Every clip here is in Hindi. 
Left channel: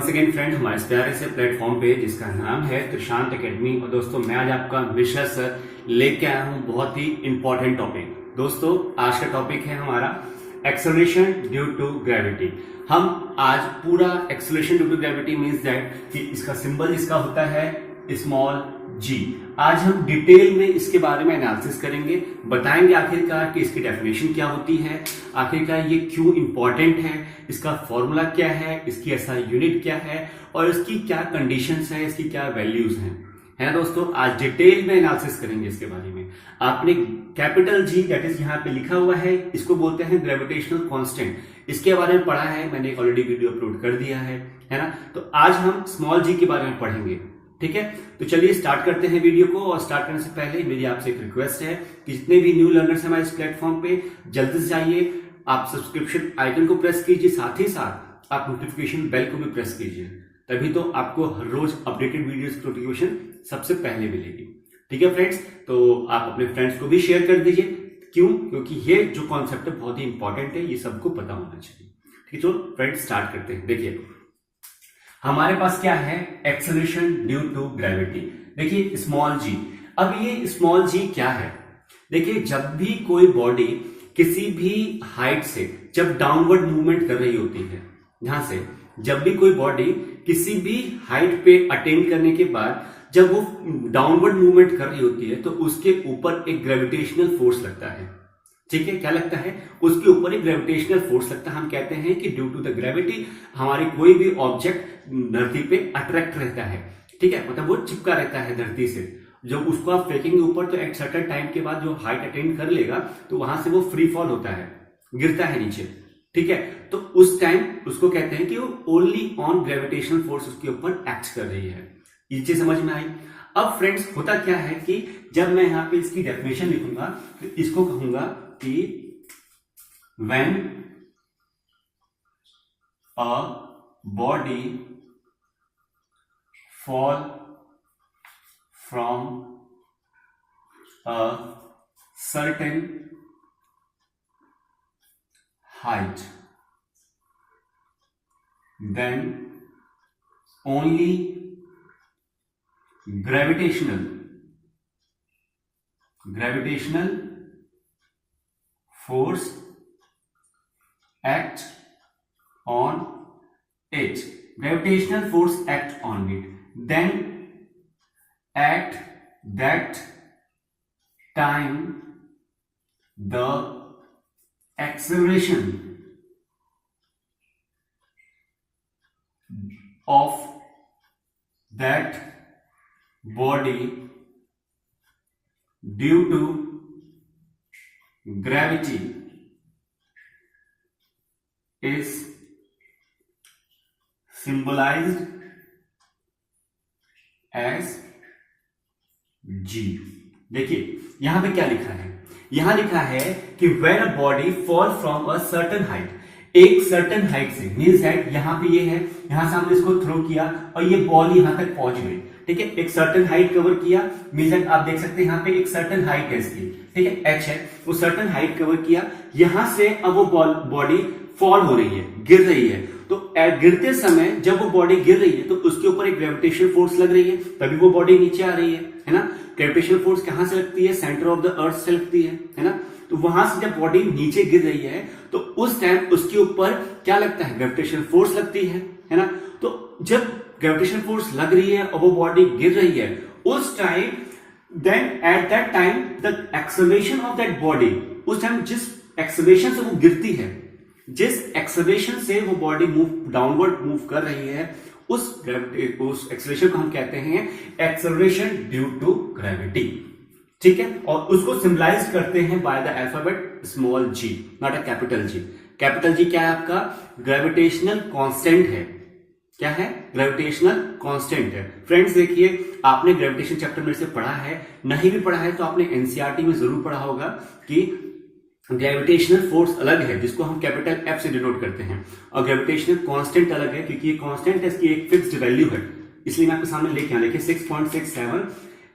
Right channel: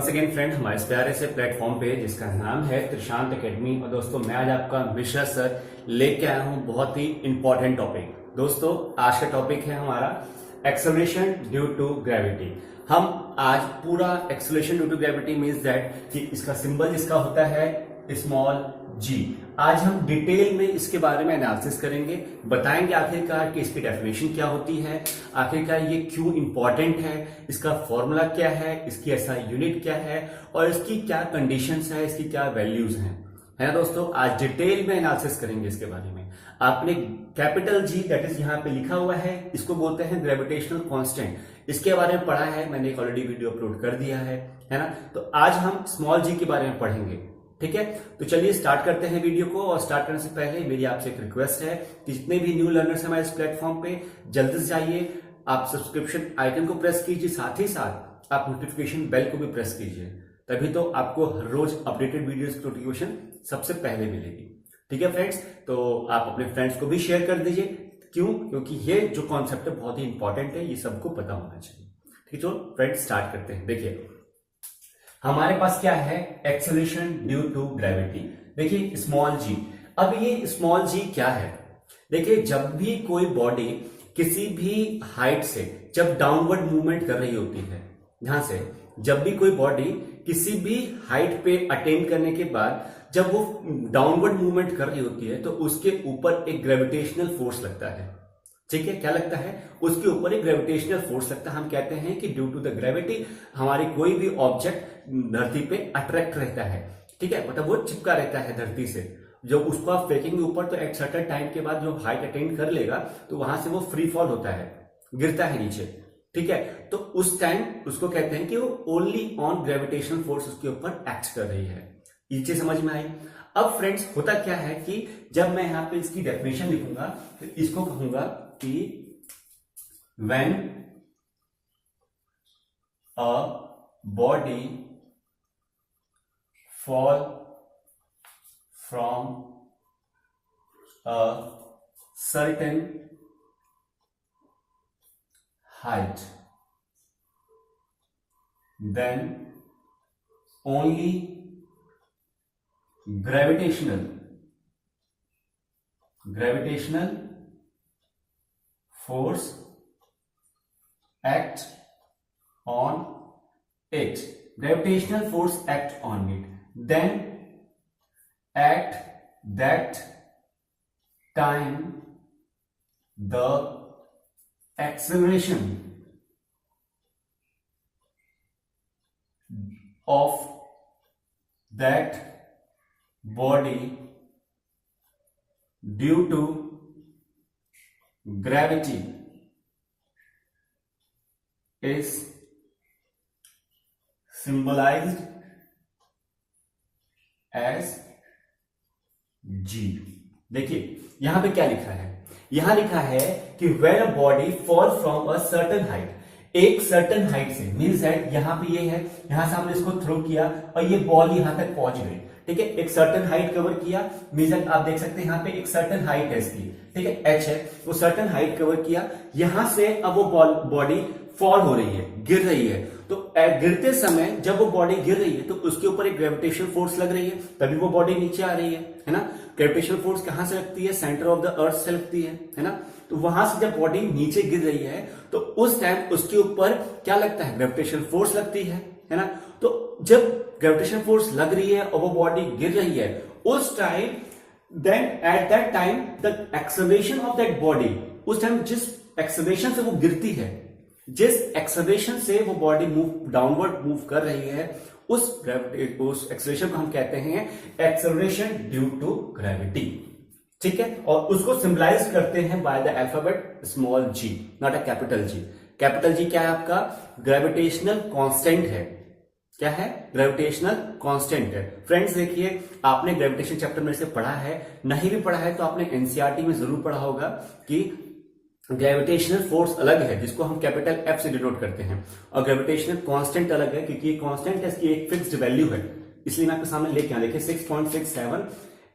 वंस अगेन फ्रेंड हमारे इस प्यारे से प्लेटफॉर्म पे जिसका नाम है त्रिशांत एकेडमी। और दोस्तों मैं आज आपका मिश्रा सर लेके आया हूं बहुत ही इंपॉर्टेंट टॉपिक। दोस्तों आज का टॉपिक है हमारा एक्सेलरेशन ड्यू टू ग्रेविटी। हम आज पूरा acceleration due to gravity means that कि इसका सिंबल इसका होता है स्मॉल जी। आज हम डिटेल में इसके बारे में एनालिसिस करेंगे, बताएंगे आखिरकार कि इसकी डेफिनेशन क्या होती है, आखिरकार ये क्यों इंपॉर्टेंट है, इसका फॉर्मूला क्या है, इसकी ऐसा यूनिट क्या है और इसकी क्या कंडीशंस है, इसकी क्या वैल्यूज हैं। है दोस्तों आज डिटेल में एनालिसिस करेंगे इसके बारे में। आपने कैपिटल जी दैट इज यहाँ पे लिखा हुआ है, इसको बोलते हैं ग्रेविटेशनल कांस्टेंट। इसके बारे में पढ़ा है, मैंने ऑलरेडी वीडियो अपलोड कर दिया है ना। तो आज हम स्मॉल जी के बारे में पढ़ेंगे, ठीक है। तो चलिए स्टार्ट करते हैं वीडियो को। और स्टार्ट करने से पहले मेरी आपसे एक रिक्वेस्ट है कि जितने भी न्यू लर्नर्स हैं हमारे इस प्लेटफॉर्म पे जल्दी से आइए, आप सब्सक्रिप्शन आइकन को प्रेस कीजिए, साथ ही साथ आप नोटिफिकेशन बेल को भी प्रेस कीजिए, तभी तो आपको हर रोज अपडेटेड वीडियोस की नोटिफिकेशन सबसे पहले मिलेगी। ठीक है फ्रेंड्स, तो आप अपने फ्रेंड्स को भी शेयर कर दीजिए। क्यों? क्योंकि ये जो कॉन्सेप्ट है बहुत ही इंपॉर्टेंट है, ये सबको पता होना चाहिए। ठीक है, तो फ्रेंड्स स्टार्ट करते हैं। देखिए हमारे पास क्या है, एक्सेलरेशन ड्यू टू ग्रेविटी। देखिए स्मॉल जी। अब ये स्मॉल जी क्या है? देखिए जब भी कोई बॉडी किसी भी हाइट से जब डाउनवर्ड मूवमेंट कर रही होती है, यहां से जब भी कोई बॉडी किसी भी हाइट पे अटेन करने के बाद जब वो डाउनवर्ड मूवमेंट कर रही होती है तो उसके ऊपर एक ग्रेविटेशनल फोर्स लगता है। ठीक है, क्या लगता है? उसके ऊपर एक ग्रेविटेशनल फोर्स लगता है। हम कहते हैं कि ड्यू टू द ग्रेविटी हमारी कोई भी ऑब्जेक्ट धरती पे अट्रैक्ट रहता है। ठीक है, मतलब वो चिपका रहता है धरती से। जब उसको आप फेंकेंगे ऊपर तो एक सर्टेन टाइम के बाद जो हाइट अटेन कर लेगा तो वहां से वो फ्री फॉल होता है, गिरता है नीचे। ठीक है, तो उस टाइम उसको कहते हैं कि वो ओनली ऑन ग्रेविटेशनल फोर्स उसके ऊपर एक्ट कर रही है। ये चीज समझ में आई? अब फ्रेंड्स होता क्या है कि जब मैं यहां पे इसकी डेफिनेशन लिखूंगा तो इसको कहूंगा कि when a body fall from a certain height, then only gravitational force act on it. Gravitational force act on it. Then at that time the acceleration of that body due to gravity is symbolized as G। देखिए यहां पे क्या लिखा है? यहां लिखा है कि when a body fall from a certain height, एक सर्टन हाइट से मीन्स दैट यहां पे ये है, यहां से हमने इसको थ्रो किया और ये बॉल यहां तक पहुंच गई। ठीक है, एक सर्टन हाइट कवर किया, मीन्स दैट आप देख सकते हैं यहां पे एक सर्टन हाइट है इसकी। ठीक है, एच है, वो सर्टन हाइट कवर किया। यहां से अब वो बॉडी फॉल हो रही है, गिर रही है। तो गिरते समय जब वो बॉडी गिर रही है तो उसके ऊपर एक ग्रेविटेशनल फोर्स लग रही है, तभी वो बॉडी नीचे आ रही है ना। ग्रेविटेशनल फोर्स कहां से लगती है? सेंटर ऑफ द अर्थ से लगती है ना। तो वहां से जब बॉडी नीचे गिर रही है तो उस टाइम उसके ऊपर क्या लगता है? ग्रेविटेशनल फोर्स लगती है ना। तो जब ग्रेविटेशनल फोर्स लग रही है और वो बॉडी गिर रही है उस time, then at that time the acceleration of that body, उस टाइम जिस एक्सेलरेशन से वो गिरती है, जिस एक्सेलरेशन से वो बॉडी डाउनवर्ड मूव कर रही है, उस एक्सेलरेशन को हम कहते हैं एक्सेलरेशन ड्यू टू ग्रेविटी। ठीक है, और उसको सिंबलाइज करते हैं by the alphabet small G, not a capital G. Capital G क्या है आपका? ग्रेविटेशनल कांस्टेंट है। क्या है? ग्रेविटेशनल कांस्टेंट है। फ्रेंड्स देखिए आपने ग्रेविटेशन चैप्टर में से पढ़ा है, नहीं भी पढ़ा है तो आपने एनसीईआरटी में जरूर पढ़ा होगा कि ग्रेविटेशनल फोर्स अलग है जिसको हम कैपिटल एफ से डिनोट करते हैं, और ग्रेविटेशनल कांस्टेंट अलग है क्योंकि ये कांस्टेंट है, इसकी एक फिक्स्ड वैल्यू है। इसलिए मैं आपके सामने लेके आया, देखिए 6.67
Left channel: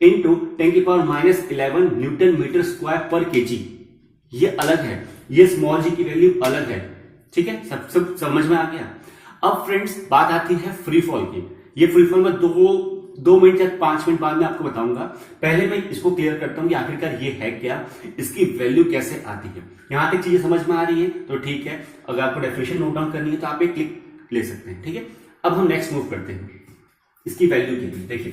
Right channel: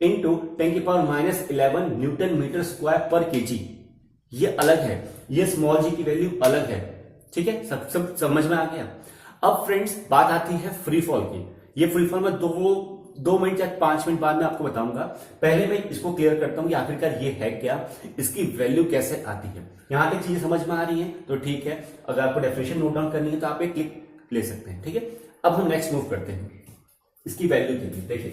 इंटू 10⁻11 न्यूटन मीटर स्क्वायर पर केजी, ये अलग है, ये स्मॉल जी की वैल्यू अलग है। ठीक है, सब समझ में आ गया। अब फ्रेंड्स बात आती है फ्री फॉल की। ये फ्री फॉल में दो मिनट या 5 मिनट बाद में आपको बताऊंगा। पहले मैं इसको क्लियर करता हूं कि आखिरकार ये है क्या, इसकी वैल्यू कैसे आती है। यहां तक चीजें समझ में आ रही है तो ठीक है, अगर आपको डेफिनेशन नोट डाउन करनी है तो आप एक क्लिक ले सकते हैं। ठीक है, अब हम नेक्स्ट मूव करते हैं इसकी वैल्यू के लिए। देखिए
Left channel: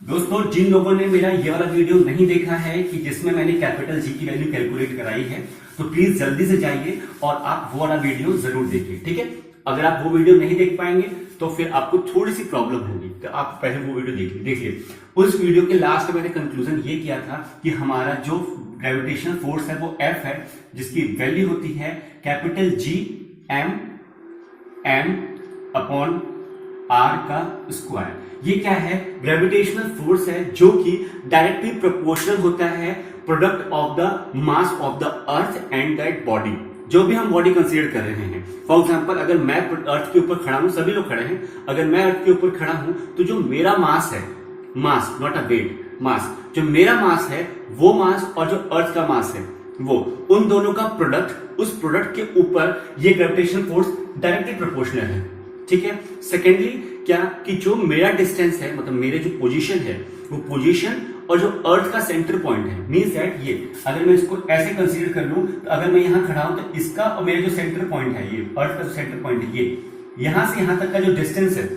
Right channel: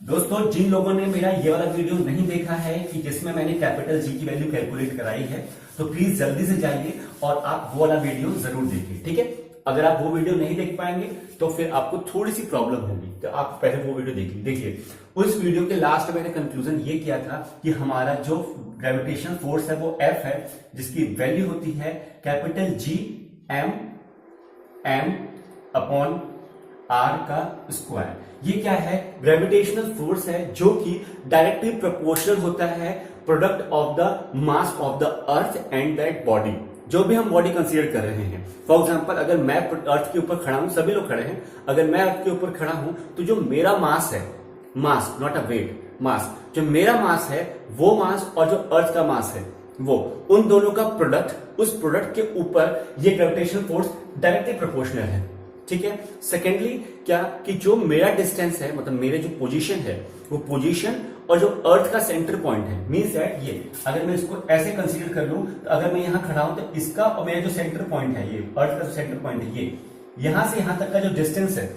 दोस्तों, जिन लोगों ने मेरा ये वाला वीडियो नहीं देखा है कि जिसमें मैंने कैपिटल जी की वैल्यू कैलकुलेट कराई है, तो प्लीज जल्दी से जाइए और आप वो वाला वीडियो जरूर देखिए। ठीक है, अगर आप वो वीडियो नहीं देख पाएंगे तो फिर आपको थोड़ी सी प्रॉब्लम होगी, तो आप पहले वो वीडियो देखिए। उस वीडियो के लास्ट में मैंने कंक्लूजन ये किया था कि हमारा जो ग्रेविटेशनल फोर्स है वो F है, जिसकी वैल्यू होती है capital G m upon r का स्क्वायर। ये क्या है? ग्रेविटेशनल फोर्स है जो कि डायरेक्टली प्रोपोर्शनल होता है product of the mass of the earth and that body. जो भी हम बॉडी कंसीडर कर रहे हैं, फॉर एग्जांपल अगर मैं अर्थ के ऊपर खड़ा हूं, सभी लोग खड़े हैं, अगर मैं अर्थ के ऊपर खड़ा हूं तो जो मेरा मास है, मास नॉट अ वेट, मास, जो मेरा मास है वो मास और जो अर्थ का मास है वो, उन दोनों का प्रोडक्ट, उस प्रोडक्ट के ऊपर ये ग्रेविटेशनल फोर्स डायरेक्टली प्रोपोर्शनल है। ठीक है, सेकेंडली क्या कि जो मेरा डिस्टेंस है, मतलब मेरे जो पोजीशन है, वो पोजीशन और जो अर्थ का सेंटर पॉइंट है, मींस दैट ये अगर मैं इसको ऐसे कंसीडर कर लूं तो अगर मैं यहां खड़ा हूं तो इसका और मेरा जो सेंटर पॉइंट है, ये अर्थ का जो सेंटर पॉइंट है, ये यहां से यहां तक का जो डिस्टेंस है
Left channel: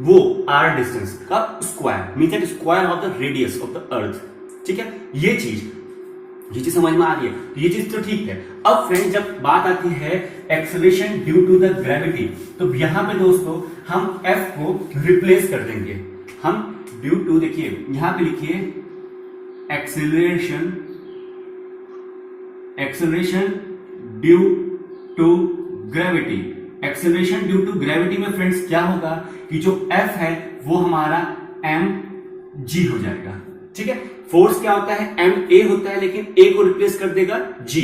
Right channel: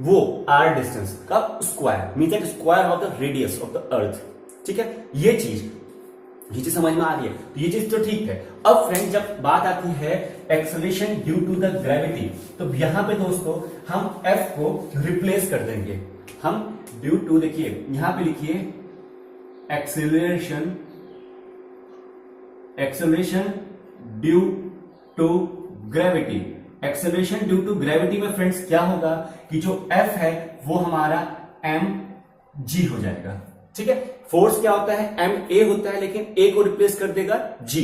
वो आर डिस्टेंस का square, means that square of the radius of the earth. ठीक है, ये चीज समझ में आ रही है, तो ये चीज तो ठीक है। अब फ्रेंड जब बात आती है acceleration due to the gravity, तो यहां पे दोस्तों हम F को रिप्लेस कर देंगे। हम ड्यू टू, देखिए यहां पे लिखिए acceleration due to gravity. Acceleration due to gravity में फ्रेंड्स क्या होगा कि जो F है वो हमारा mg हो जाएगा। ठीक है, फोर्स क्या होता है? ma होता है, लेकिन a को रिप्लेस कर देगा g।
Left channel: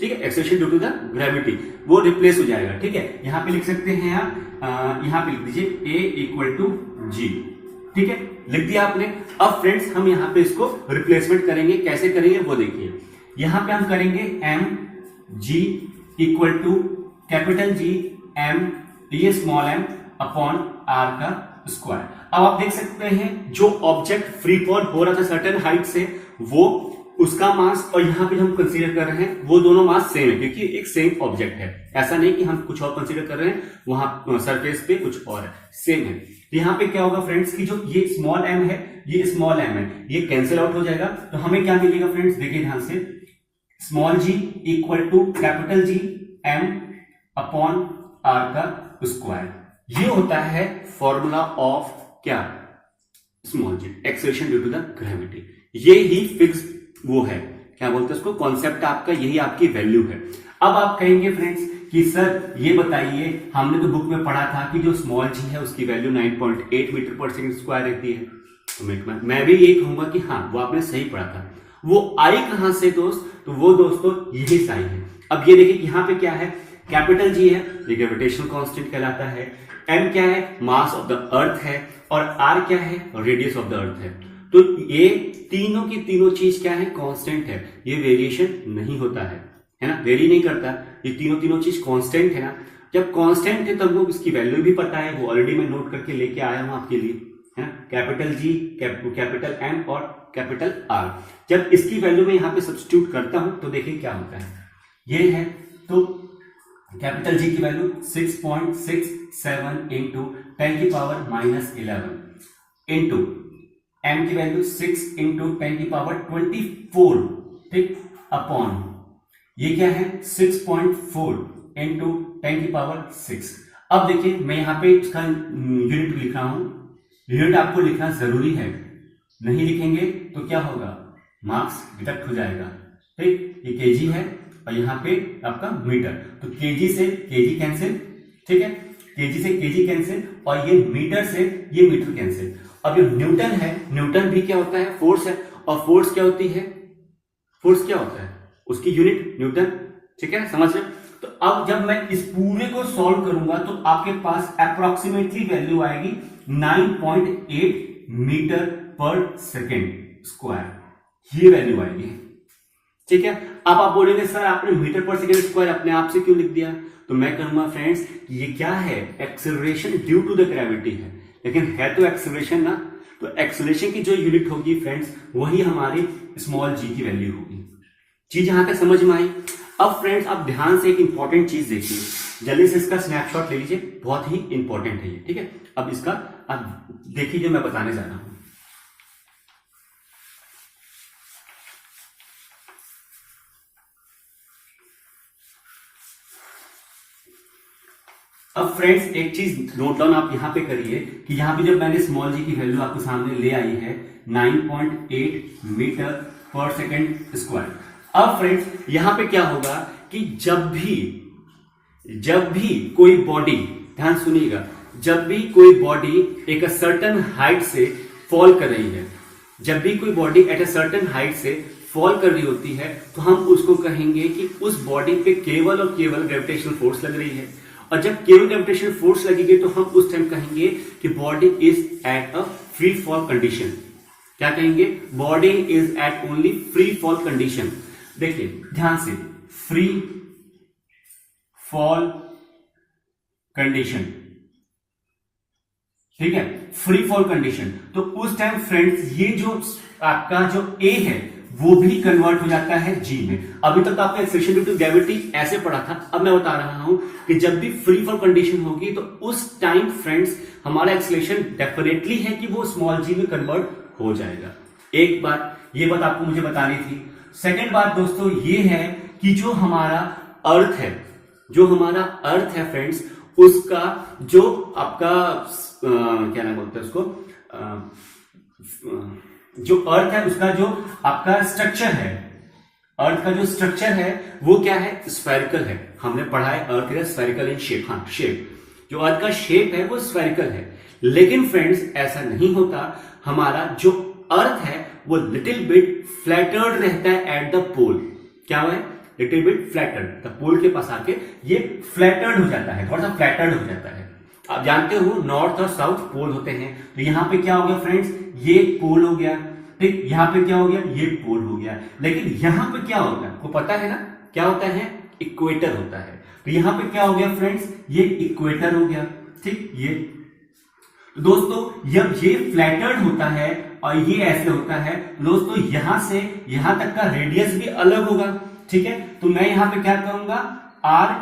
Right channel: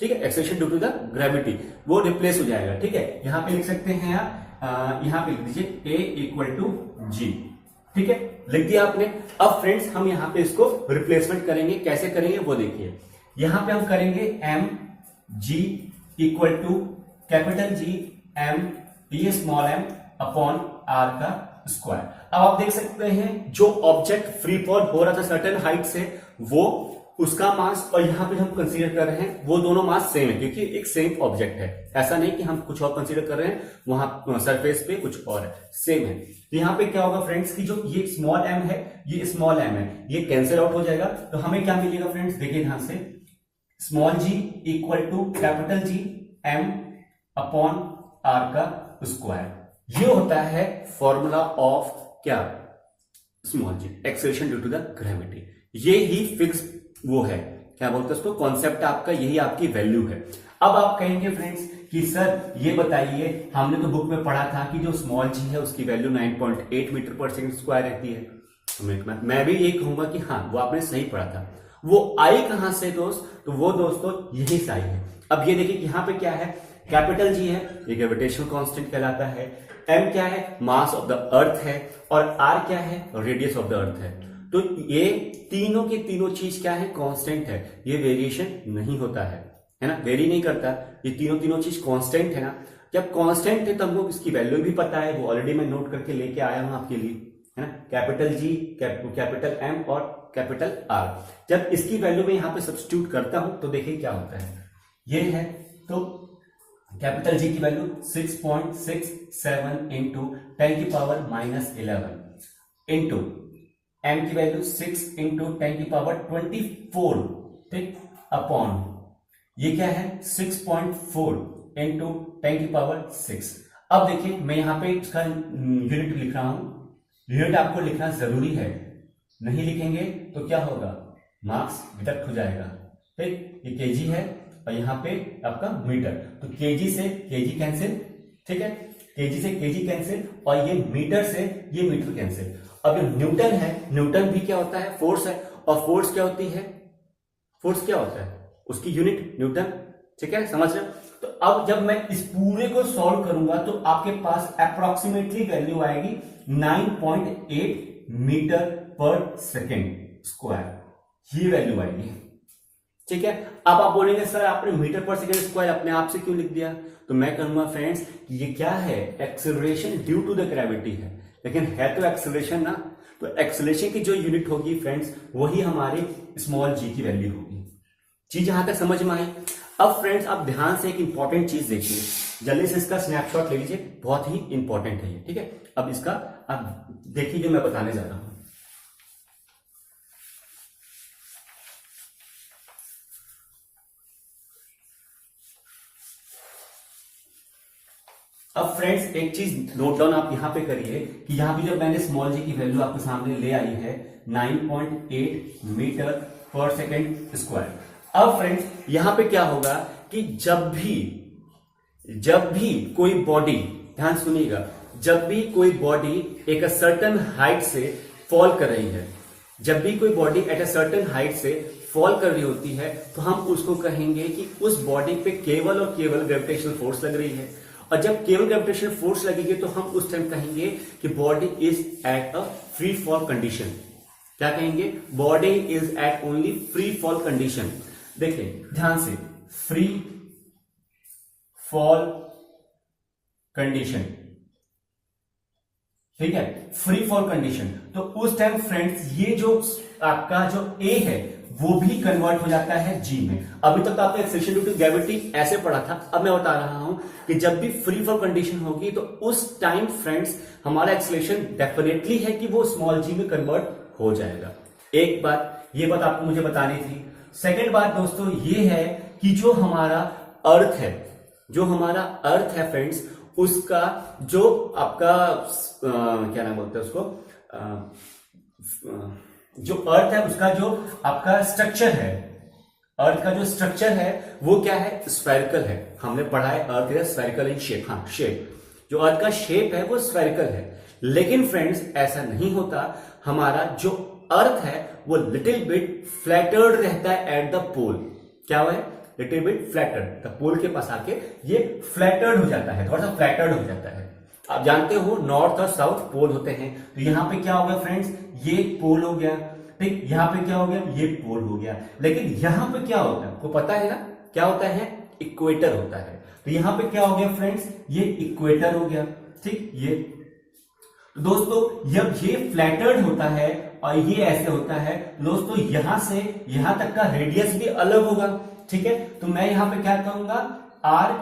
ठीक है, acceleration due to the gravity वो रिप्लेस हो जाएगा। ठीक है, यहां पे लिख सकते हैं आप, यहां पे लिख दीजिए a इक्वल टू g। ठीक है, लिख दिया आपने। अब फ्रेंड्स हम यहां पे इसको रिप्लेसमेंट करेंगे, कैसे करेंगे वो देखिए। यहां पे हम करेंगे mg equal to capital G m, ये स्मॉल m अपॉन r का स्क्वायर। अब आप देख सकते हैं जो ऑब्जेक्ट फ्री फॉल हो रहा था सर्टेन हाइट से, वो उसका मास और यहां पे हम कंसीडर कर रहे हैं वो दोनों मास सेम है, क्योंकि एक सेम ऑब्जेक्ट है। ऐसा नहीं कि हम कुछ और कंसीडर कर रहे हैं, वहां सरफेस पे कुछ और है, सेम है। तो यहां पे क्या होगा फ्रेंड्स कि जो ये स्मॉल m है, ये स्मॉल m है, ये कैंसिल आउट हो जाएगा। तो हमें क्या मिलेगा फ्रेंड्स, देखिए ध्यान से, small g equal to capital G m upon r का स्क्वायर। ये होता है फॉर्मूला ऑफ क्या? Small g, acceleration due to the gravity. ये ही फिक्स वो है, क्या बोलते हैं उसको, कॉन्सेप्ट आपका, यही आपकी वैल्यू है। अब आप कहेंगे फ्रेंड्स कि सर ये बताइए, हमने तो बुक में पढ़ा था कि जो स्मॉल g है उसकी वैल्यू 9.8 मीटर पर सेकंड स्क्वायर रहती है। तो मैं भी ये कहूंगा कि हाँ, वो आपने सही पढ़ा था। वो आई कहां से दोस्त? तो वो दोस्तों यही से आई है। अब ये देखिए यहां पे क्या है, कैपिटल G है, ये ग्रेविटेशनल कांस्टेंट कहलाता है, m क्या है, मास ऑफ द अर्थ है, और r क्या है, रेडियस ऑफ द अर्थ है। तो ये तीनों की तीनों चीज क्या है, कांस्टेंट है, ये वेरिएशन नहीं होता है ना, वेरी नहीं करता। ये तीनों चीज कांस्टेंट है ना। जब कांस्टेंट है तब लोग इसकी वैल्यू भी पता है, वो ऑलरेडी मैं नोट करके लेके आया हूं आपके लिए, है ना, कैपिटल G, कैपिटल M और कैपिटल R। जब इसकी वैल्यू में यहां पे सब्स्टिट्यूट करता हूं तो देखिए क्या होता है, ये है। तो कैपिटल G की वैल्यू 6.67 इंटू 10 की पावर -11 इंटू m की वैल्यू 6 इंटू 10 की पावर 24, ठीक, अपॉन ये क्या है 6.4 इंटू 10 की पावर 6। अब देखिए मैं यहां पे इसका यूनिट लिख रहा हूं, यूनिट आपको लिखना जरूरी है, नहीं लिखेंगे तो क्या होगा, मार्क्स डिडक्ट हो जाएगा। ठीक, ये केजी है और यहाँ पे आपका मीटर, तो केजी से केजी कैंसिल, ठीक है, केजी से केजी कैंसिल, और ये मीटर से ये मीटर कैंसिल। अब ये न्यूटन है, न्यूटन भी क्या होता है, फोर्स है, और फोर्स क्या होती है, फोर्स क्या होता है, उसकी यूनिट न्यूटन। ठीक है, समझ रहे? तो अब जब मैं इस पूरे को सॉल्व करूंगा तो आपके पास अप्रोक्सीमेटली वैल्यू आएगी 9.8 मीटर पर सेकेंड स्क्वायर, ये वैल्यू आएगी। ठीक है, अब आप बोलेंगे सर आपने मीटर पर सेकेंड स्क्वायर अपने आप से क्यों लिख दिया? तो तो मैं कहूंगा फ्रेंड्स ये क्या है, acceleration due to the gravity है, लेकिन है तो एक्सेलरेशन ना, तो एक्सेलरेशन की जो यूनिट होगी फ्रेंड्स वही हमारी स्मॉल जी की वैल्यू होगी। चीज यहां तक समझ में आई। अब फ्रेंड्स आप ध्यान से एक इंपॉर्टेंट चीज देखिए, जल्दी से इसका स्नैपशॉट ले लीजिए, बहुत ही इंपॉर्टेंट है ये, ठीक है। अब इसका आप देखिए जो मैं बताने जा रहा हूं। अब फ्रेंड्स एक चीज नोट डाउन आप यहां पे करिए कि यहां पे जब मैंने स्मॉल जी की वैल्यू आपके सामने ले आई है 9.8 मीटर पर सेकेंड स्क्वायर। अब फ्रेंड्स यहां पे क्या होगा कि जब भी कोई बॉडी, ध्यान सुनिएगा, जब भी कोई बॉडी एक सर्टेन हाइट से फॉल कर रही है, जब भी कोई body at a certain height से फॉल कर रही होती है, तो हम उसको कहेंगे कि उस बॉडी पे केवल और केवल ग्रेविटेशनल फोर्स लग रही है। और जब केवल ग्रेविटेशनल फोर्स लगेगी तो हम उस टाइम कहेंगे कि body is at a free fall condition. क्या कहेंगे, body is at only free fall condition. देखिए ध्यान से, फ्री फॉल कंडीशन, ठीक है, फ्री फॉल कंडीशन। तो उस टाइम फ्रेंड्स ये जो आपका जो ए है वो भी कन्वर्ट हो जाता है जी में। अभी तक तो आपने एक्सेलरेशन ड्यू टू ग्रेविटी ऐसे पढ़ा था, अब मैं बता रहा हूं कि जब भी फ्री फॉल कंडीशन होगी तो उस टाइम फ्रेंड्स हमारा एक्सेलरेशन डेफिनेटली है कि वो स्मॉल जी में कन्वर्ट हो जाएगा। एक बात, ये बात आपको मुझे बतानी थी। सेकेंड बात दोस्तों ये है कि जो हमारा अर्थ है, जो हमारा अर्थ है फ्रेंड्स, उसका जो आपका क्या नाम बोलते हैं उसको, जो अर्थ है उसका जो आपका स्ट्रक्चर है, अर्थ का जो स्ट्रक्चर है वो क्या है, स्फेरिकल है। हमने पढ़ा है earth is spherical in shape, हाँ शेप, जो अर्थ का शेप है वो स्फेरिकल है। लेकिन फ्रेंड्स ऐसा नहीं होता, हमारा जो अर्थ है वो लिटिल बिट फ्लैटर्ड रहता है एट द पोल। क्या हुआ है, लिटिल बिट फ्लैटर्ड, द पोल के पास आके ये फ्लैटर्ड हो जाता है, थोड़ा सा फ्लैटर्ड हो जाता है। आप जानते हो नॉर्थ और साउथ पोल होते हैं, तो यहां पे क्या हो गया फ्रेंड्स, ये पोल हो गया, ठीक, यहां पे क्या हो गया, ये पोल हो गया। लेकिन यहां पे क्या होता है, को पता है ना, क्या होता है, इक्वेटर होता है। तो यहां पे क्या हो गया फ्रेंड्स, ये इक्वेटर हो गया, ठीक। ये दोस्तों जब ये फ्लैटर्ड होता है और ये ऐसे होता है दोस्तों, यहां से यहां तक का रेडियस भी अलग होगा, ठीक है। तो मैं यहां पे क्या कहूंगा, आर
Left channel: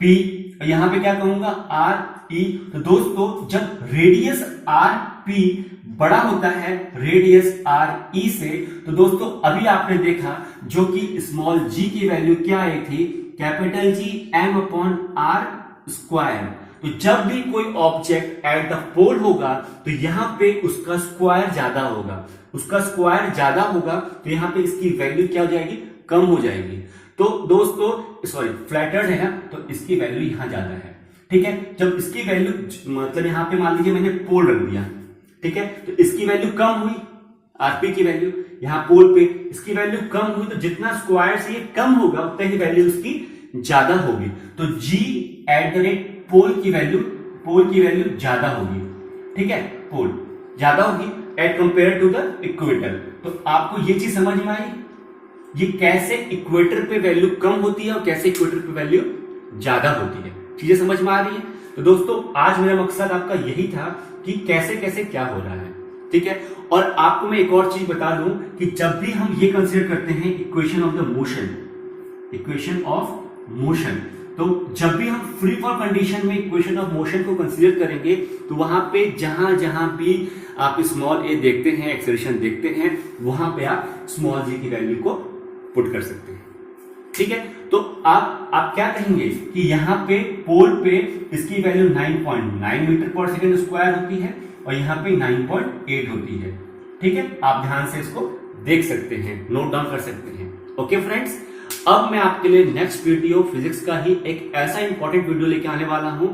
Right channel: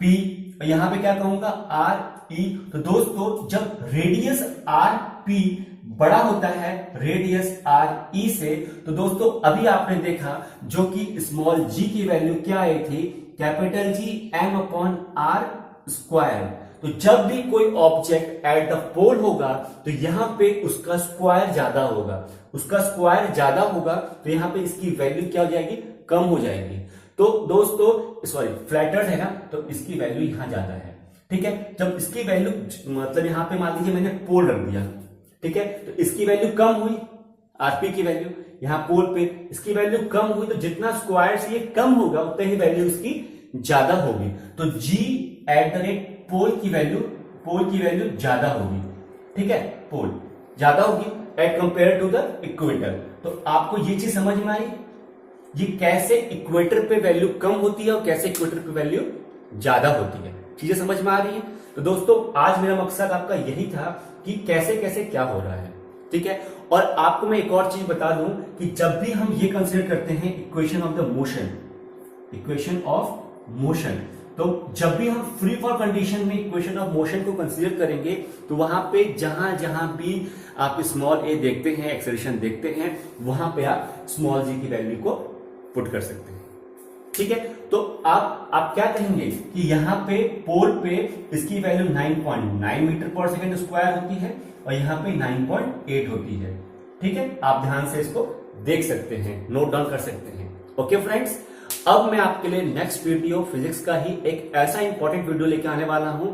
पी, यहां पे क्या कहूंगा, आर ई। तो दोस्तों जब रेडियस आर पी बड़ा होता है रेडियस आर ई से, तो दोस्तों अभी आपने देखा जो कि स्मॉल जी की वैल्यू क्या आई थी, capital G M upon R square. तो जब भी कोई ऑब्जेक्ट एट द पोल होगा तो यहां पे उसका स्क्वायर ज्यादा होगा, उसका स्क्वायर ज्यादा होगा, तो यहां पे इसकी वैल्यू क्या हो जाएगी, कम हो जाएगी। तो दोस्तों सॉरी फ्लैटर्ड है ना, तो इसकी वैल्यू यहां ज्यादा है, ठीक है। जब इसकी वैल्यू मतलब यहां पे मान लीजिए मैंने पोल रख दिया, ठीक है, तो इसकी वैल्यू कम हुई, आरपी की वैल्यू यहां पोल पे इसकी वैल्यू कम हुई, तो जितना स्क्वायर से ये कम होगा उतना ही वैल्यू इसकी ज्यादा होगी। तो G at the rate pole की वैल्यू ज्यादा होगी, ठीक है, पोल ज्यादा होगी at compare to the equator. तो आपको ये चीज समझ में आई, ये कैसे इक्वेटर पे वैल्यू कम होती है और कैसे इक्वेटर पे वैल्यू ज्यादा होती है, चीजें समझ में आ रही है। तो दोस्तों आज मेरा मकसद आपका यही था कि कैसे कैसे क्या हो रहा है, ठीक है। और आपको मैं एक और चीज बता दूं कि जब भी हम ये कंसीडर करते हैं equation of the motion, equation of motion, तो जब भी हम फ्री फॉल कंडीशन में इक्वेशन ऑफ मोशन को कंसीडर करेंगे तो वहां पे जहां जहां भी आप स्मॉल ए देखते हैं, एक्सेलरेशन देखते हैं, वहां पे आप स्मॉल जी की वैल्यू को पुट कर सकते हैं, ठीक है। तो आप क्या कहेंगे कि यहां पे पोल पे इसकी वैल्यू 9.9 मीटर पर सेकेंड स्क्वायर होती है और यहां पे 9.8 होती है, ठीक है। आप ध्यान से इसको देख सकते हैं, नोट डाउन कर सकते हैं। ओके फ्रेंड्स, अब मैं आपके लिए नेक्स्ट वीडियो फिजिक्स का ही एक ऐसा इंपॉर्टेंट वीडियो लेके आने वाला हूं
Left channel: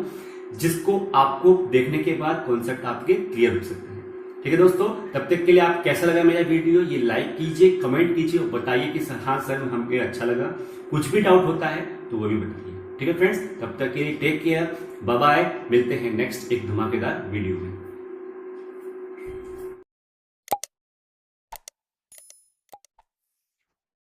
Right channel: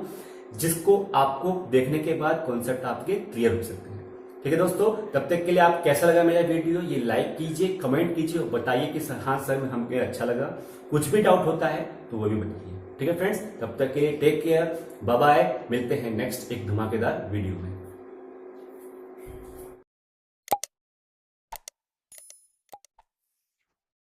जिसको आपको देखने के बाद कॉन्सेप्ट आपके क्लियर हो सकते हैं, ठीक है दोस्तों। तब तक के लिए आप कैसा लगा मेरा वीडियो, ये लाइक कीजिए, कमेंट कीजिए और बताइए कि हाँ सर हमें अच्छा लगा। कुछ भी डाउट होता है तो वो भी बताइए, ठीक है फ्रेंड्स। तब तक के लिए टेक केयर, बाय बाय, मिलते हैं नेक्स्ट एक धमाकेदार वीडियो में।